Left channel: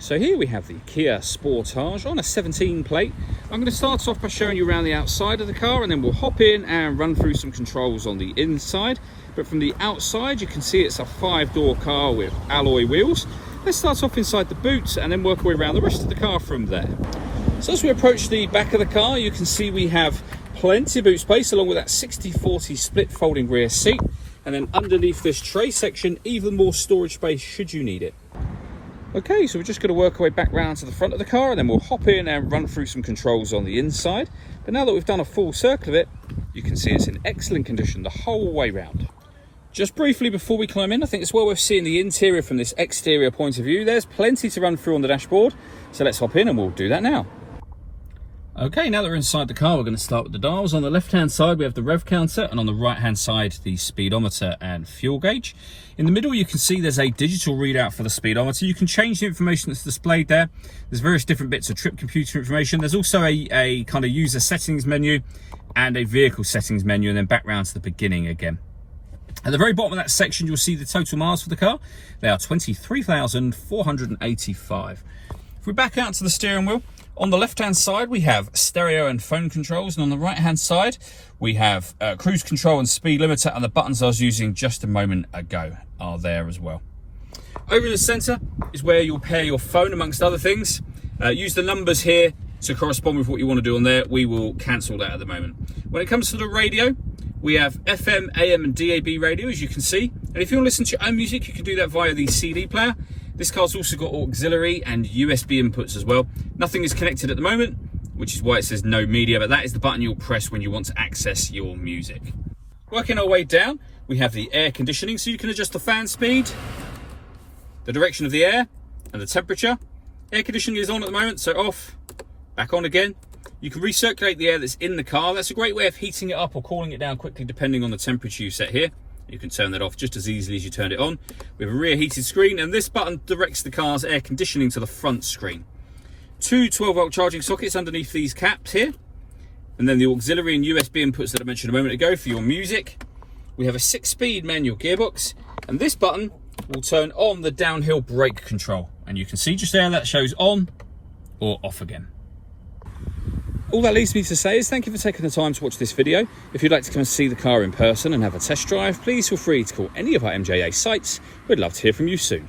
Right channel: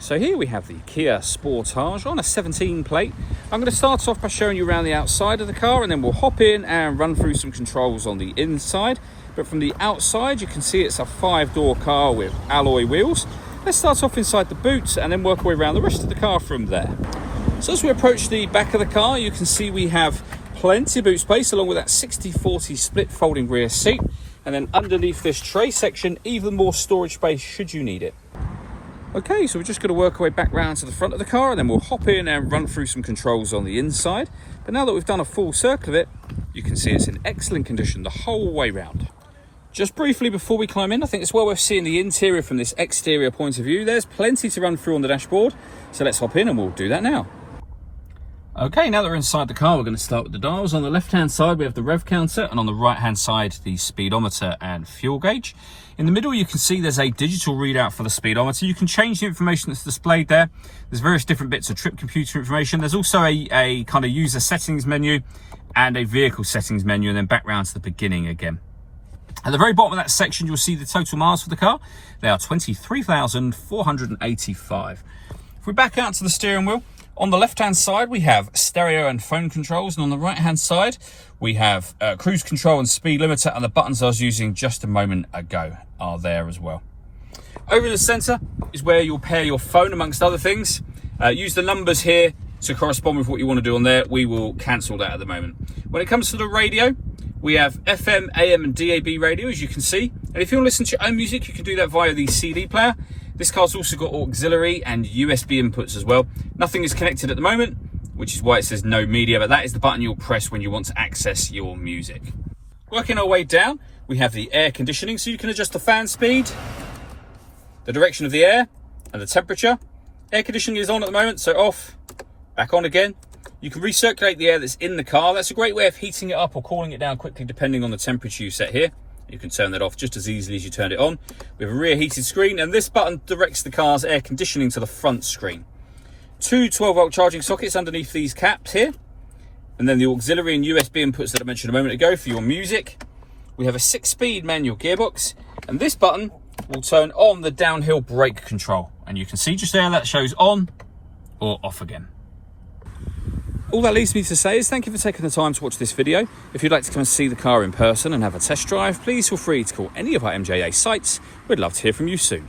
So here we have the Kia Sportage on a 17 plate. I'm going to start off by showing you around the outside of the car, and then we'll hop in and run through some controls on the inside. But from the outside, you can see it's a 5-door car with alloy wheels. Let's start off inside the boot and then work our way around the rest of the car from there. So as we approach the back of the car, you can see we have plenty of boot space along with that 60/40 split folding rear seat. And then underneath this tray section, even more storage space should you need it. Okay, so we're just going to work our way back round to the front of the car, and then we'll hop in and run through some controls on the inside. But now that we've done a full circle of it, you can see it's in excellent condition the whole way round. Just briefly before we climb in, I think it's well worth seeing the interior from this exterior point of view. There's plenty to run through on the dashboard, so let's hop in and we'll do that now. Okay, now that we're inside the car, we're going to start with the dials. On the left-hand side, we have the rev counter, and on the right-hand side, the speedometer and fuel gauge. In the middle, you can see there's a digital readout for the speedometer. You can change the information that's displayed there. There's various different bits of trip computer information. There's also a kind of user settings menu and a vehicle settings menu, and then back round to the beginning again. At the very bottom of that section, you'll see the total miles for the car. They are 23,485. If we back out to the steering wheel, on the left-hand side, we have stereo and phone controls, and on the right-hand side, we have cruise control and speed limiter, and the buttons I was using just a moment ago are there as well. Over in the centre is where you'll pair your phone, amongst other things. Use the numbers here to correspond with what you want to do on there. We will cancel that at the moment. When it comes to the radio, we have FM, AM and DAB radio, as you can see. And if you want to listen to your own music, you can do that via the CD player. This car's also got auxiliary and USB inputs as well. Nothing is connected at the moment, which is why it says no media, but that is the button you'll press when you want to access your music. Working our way down, we have the air conditioning, so you can adjust the fan speed, the direction of the air, and the temperature. Air conditioning is on at the moment, so off, back on again. You can recirculate the air that's in the car. That's a great way of heating it up or cooling it down quickly, depending on the temperature you set here. You can turn that off just as easily as you turn it on. We have a rear heated screen, and this button directs the car's air conditioning to the front screen. Two 12-volt charging sockets underneath these caps here, and then the auxiliary and USB inputs that I mentioned a moment ago for your music. We have a 6-speed manual gearbox, and this button will turn on the downhill brake control, and you can see just there that shows on or off again. All that leaves me to say is thank you for taking the time to watch this video. If you'd like to come and see the car in person and have a test drive, please feel free to call any of our MJA sites. We'd love to hear from you soon.